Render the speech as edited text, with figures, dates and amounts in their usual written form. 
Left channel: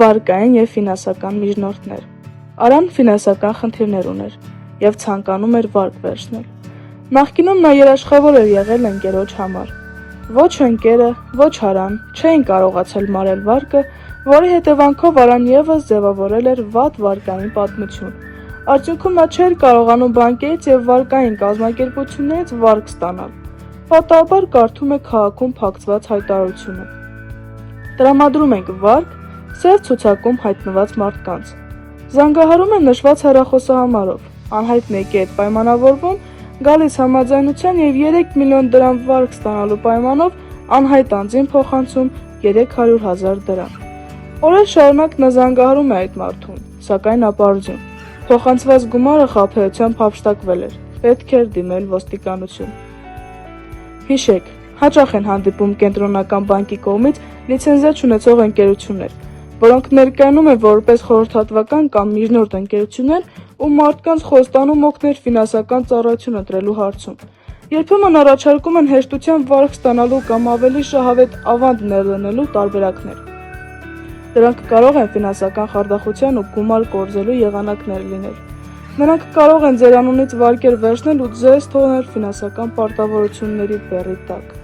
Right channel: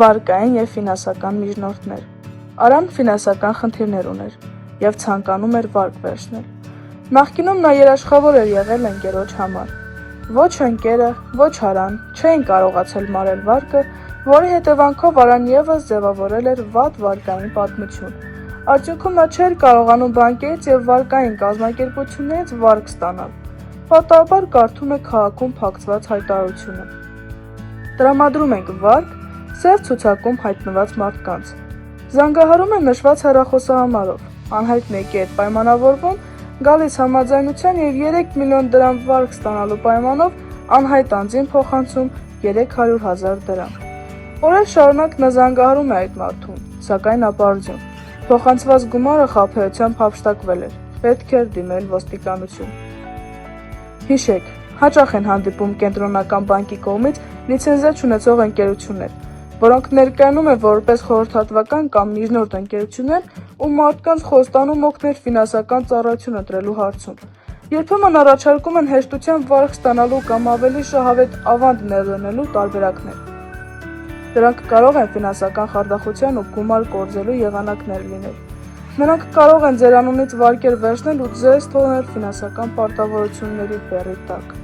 վարկային և ֆինանսական միջնորդներ։ Արան ֆինանսական խնդիրներ ուներ և ցանկանում էր վարկ վերցնել։ Նախկինում նա երաշխավոր էր եղել ընկերոջ համար։ Ոչ ընկերը, ոչ Արան չէին կարողացել մարել վարկը, որի հետևանքով Արան ևս ձևավորել էր վատ վարկային պատմություն։ Արդյունքում նա չէր կարողանում բանկերից և վարկային կազմակերպություններից վարկ ստանալ։ Պատահաբար կարդում է քաղաքում փակցված հայտարարությունը. «Տրամադրում ենք վարկ սև ցուցակում հայտնված մարդկանց»։ Զանգահարում է նշված հեռախոսահամարով, անհայտ մեկի հետ պայմանավորվում, գալիս համաձայնության և 3 միլիոն դրամ վարկ ստանալու պայմանով անհայտ անձին փոխանցում 300,000 դրամ։ Օրեր շարունակ նա զանգահարում է այդ մարդուն, սակայն ապարդյուն։ Փոխանցված գումարը խաբեությամբ հափշտակվել էր, պետք էր դիմել ոստիկանություն։ Հիշեք, հաճախ են հանդիպում կենտրոնական բանկի կողմից լիցենզիա չունեցող ընկերություններ, որոնք ներկայանում են որպես խորհրդատվական կամ միջնորդ ընկերություններ ու մարդկանց խոստանում օգնել ֆինանսական ծառայություն ընտրելու հարցում։ Երբեմն առաջարկում են հեշտությամբ վարկ ստանալու կամ ավելի շահավետ ավանդ ներդնելու տարբերակներ։ Դրանք կարող են ֆինանսական խարդախության ու գումար կորզելու եղանակներ լինել։ Նրանք կարող են ձեր անունից վարկեր վերցնել ու ձեզ թողնել ֆինանսական պարտավորությունների բեռի տակ։